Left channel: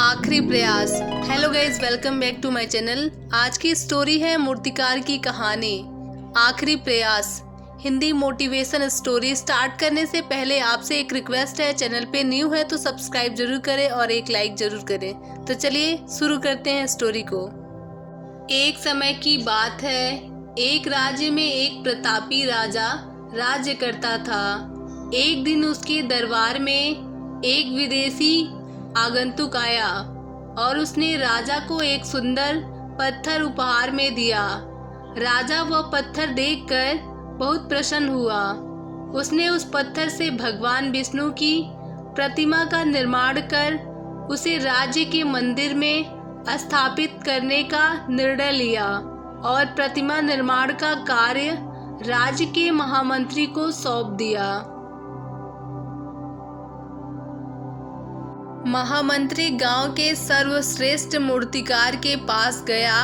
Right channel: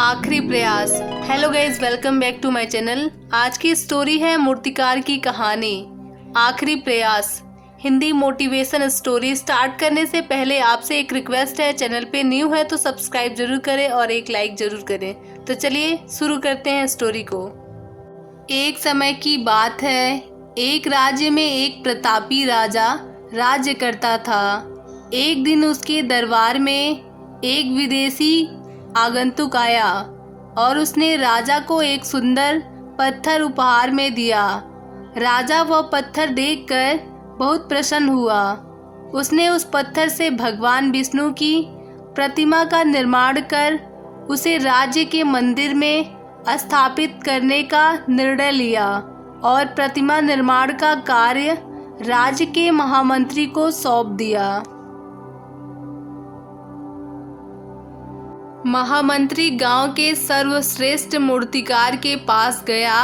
आखिरी प्रयास। Hello guys, welcome back to my channel. आज की स्टोरी है मूर्तिकार की कहानी आखिरी प्रयास। हिंदी मोटिवेशन स्टोरी स्टार्ट करने से पहले आपसे एक रिक्वेस्ट है, चैनल पे न्यू है तो सब्सक्राइब जरूर करें और एक लाइक जरूर करें। तो चलिए शुरू करते हैं स्टोरी को। एक समय की बात है, एक राज्य में एक प्रतापी राजा राज्य करता था। एक दिन उसके दरबार में एक विदेशी आगंतुक आया और उसने राजा को एक सुंदर पत्थर उपहार में दिया। राजा वह पत्थर देखकर बहुत प्रसन्न हुआ। उसने उस पत्थर से भगवान विष्णु की प्रतिमा का निर्माण कर उसे राज्य के मंदिर में स्थापित करने का निर्णय लिया और प्रतिमा निर्माण का कार्य राज्य के महामंत्री को सौंप दिया। महामंत्री गांव के सर्वश्रेष्ठ मूर्तिकार के पास गया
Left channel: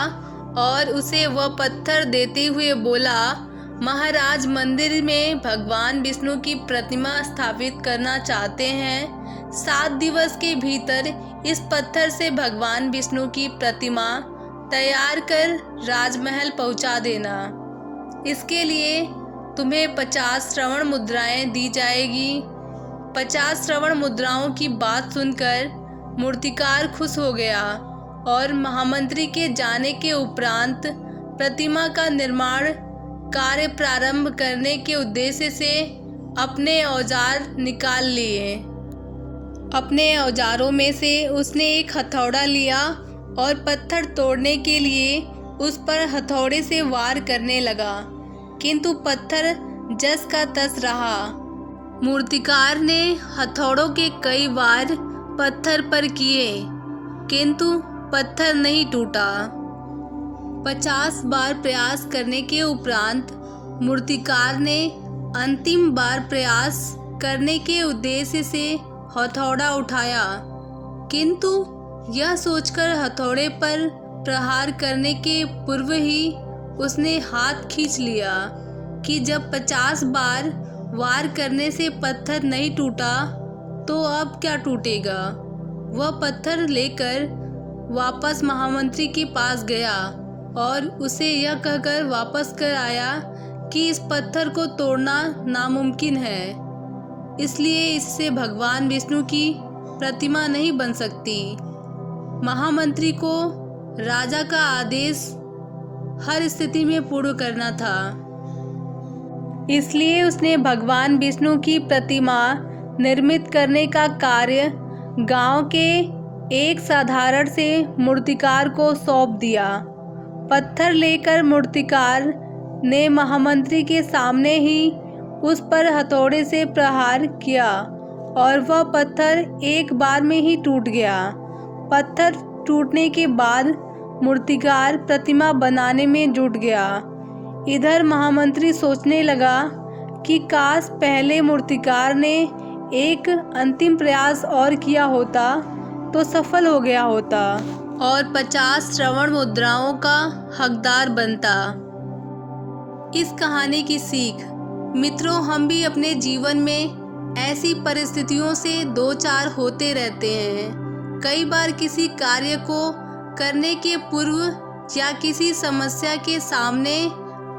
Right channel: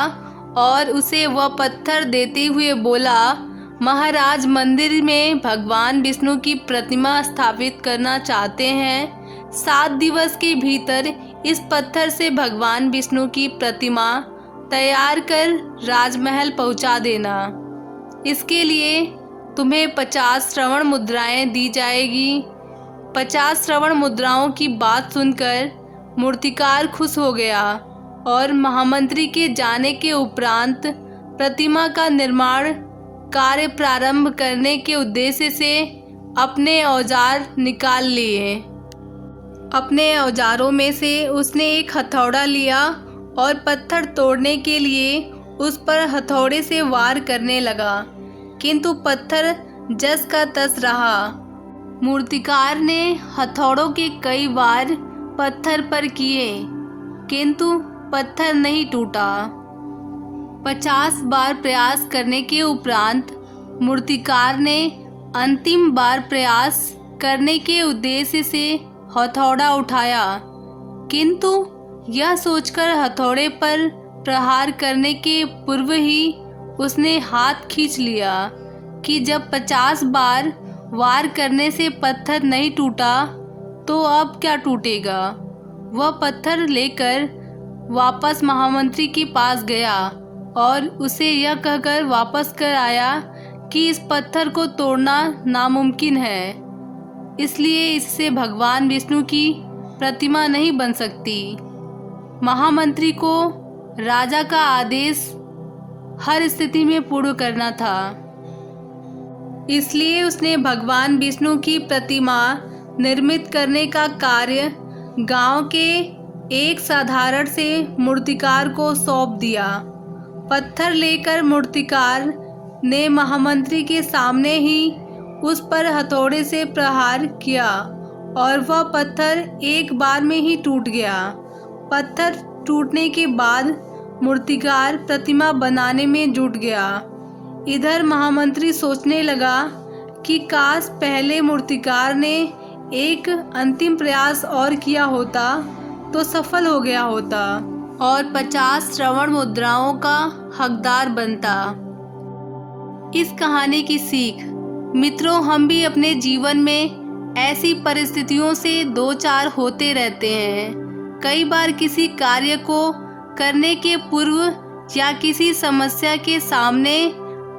और उसे वह पत्थर देते हुए बोला, महाराज, मंदिर में भगवान विष्णु की प्रतिमा स्थापित करना चाहते हैं। 7 दिवस के भीतर इस पत्थर से भगवान विष्णु की प्रतिमा तैयार कर राजमहल पहुंचा देना। इसके लिए तुम्हें 50 श्रवण मुद्राएं दी जाएगी। 50 श्रवण मुद्राओं की बात सुनकर मूर्तिकार खुश हो गया और महामंत्री के जाने के उपरांत प्रतिमा का निर्माण कार्य प्रारंभ करने के उद्देश्य से अपने औजार निकाल लिए। अपने औजारों में से उसने एक हथौड़ा लिया और पत्थर तोड़ने के लिए उस पर हथौड़े से वार करने लगा, किंतु पत्थर जस का तस रहा। मूर्तिकार ने हथौड़ों के कई वार पत्थर पर किए, किंतु पत्थर नहीं टूटा। 50 बार प्रयास करने के उपरांत मूर्तिकार ने अंतिम बार प्रयास करने के उद्देश्य से हथौड़ा उठाया, किंतु यह सोचकर हथौड़े पर प्रहार करने के पूर्व ही उसने हाथ खींच लिया कि जब 50 बार वार करने से पत्थर नहीं टूटा तो अब क्या टूटेगा। वह पत्थर लेकर वापस महामंत्री के पास गया और उसे यह कहकर वापस कर आया कि इस पत्थर को तोड़ना नामुमकिन है, इसलिए इससे भगवान विष्णु की प्रतिमा नहीं बन सकती। महामंत्री को राजा का आदेश हर स्थिति में पूर्ण करना था, इसलिए उसने भगवान विष्णु की प्रतिमा निर्मित करने का कार्य गांव के एक साधारण से मूर्तिकार को सौंप दिया। पत्थर लेकर मूर्तिकार ने महामंत्री के सामने ही उस पर हथौड़े से प्रहार किया और वह पत्थर एक बार में ही टूट गया। पत्थर टूटने के बाद मूर्तिकार प्रतिमा बनाने में जुट गया। इधर महामंत्री सोचने लगा कि काश पहले मूर्तिकार ने एक अंतिम प्रयास और किया होता तो सफल हो गया होता और 50 श्रवण मुद्राओं का हकदार बनता। इस कहानी की सीख, मित्रों, हम भी अपने जीवन में ऐसी परिस्थितियों से दो चार होते रहते हैं। कई बार किसी कार्य को करने के पूर्व या किसी समस्या के सामने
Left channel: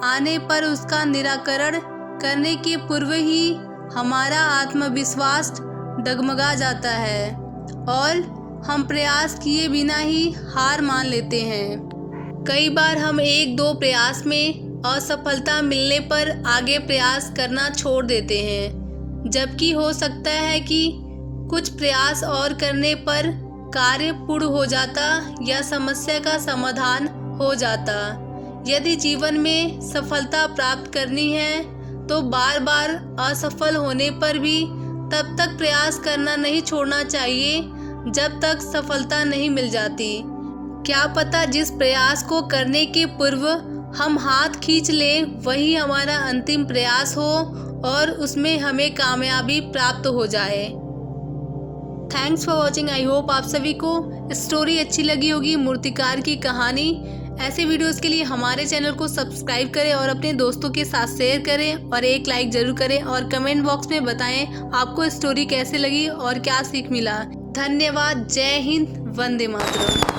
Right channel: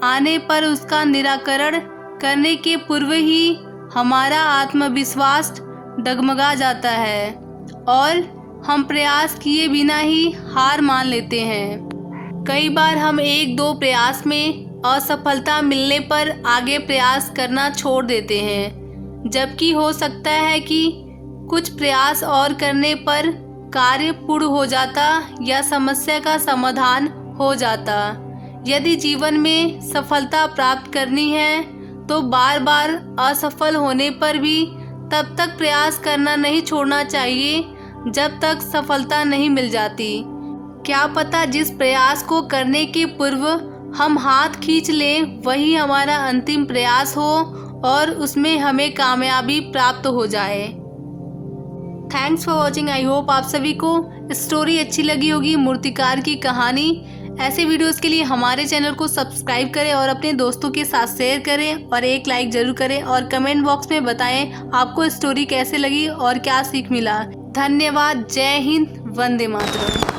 आने पर उसका निराकरण करने के पूर्व ही हमारा आत्मविश्वास डगमगा जाता है और हम प्रयास किए बिना ही हार मान लेते हैं। कई बार हम 1-2 प्रयास में असफलता मिलने पर आगे प्रयास करना छोड़ देते हैं, जबकि हो सकता है कि कुछ प्रयास और करने पर कार्य पूर्ण हो जाता या समस्या का समाधान हो जाता। यदि जीवन में सफलता प्राप्त करनी है तो बार बार असफल होने पर भी तब तक प्रयास करना नहीं छोड़ना चाहिए जब तक सफलता नहीं मिल जाती। क्या पता जिस प्रयास को करने के पूर्व हम हाथ खींच लें वही हमारा अंतिम प्रयास हो और उसमें हमें कामयाबी प्राप्त हो जाए। Thanks for watching. I hope आप सभी को स्टोरी अच्छी लगी होगी, मूर्तिकार की कहानी। ऐसे वीडियोस के लिए हमारे चैनल को सब्सक्राइब करें और अपने दोस्तों के साथ शेयर करें और एक लाइक जरूर करें और कमेंट बॉक्स में बताएं आपको स्टोरी कैसे लगी और क्या सीख मिला। धन्यवाद। जय हिंद, वंदे मातरम।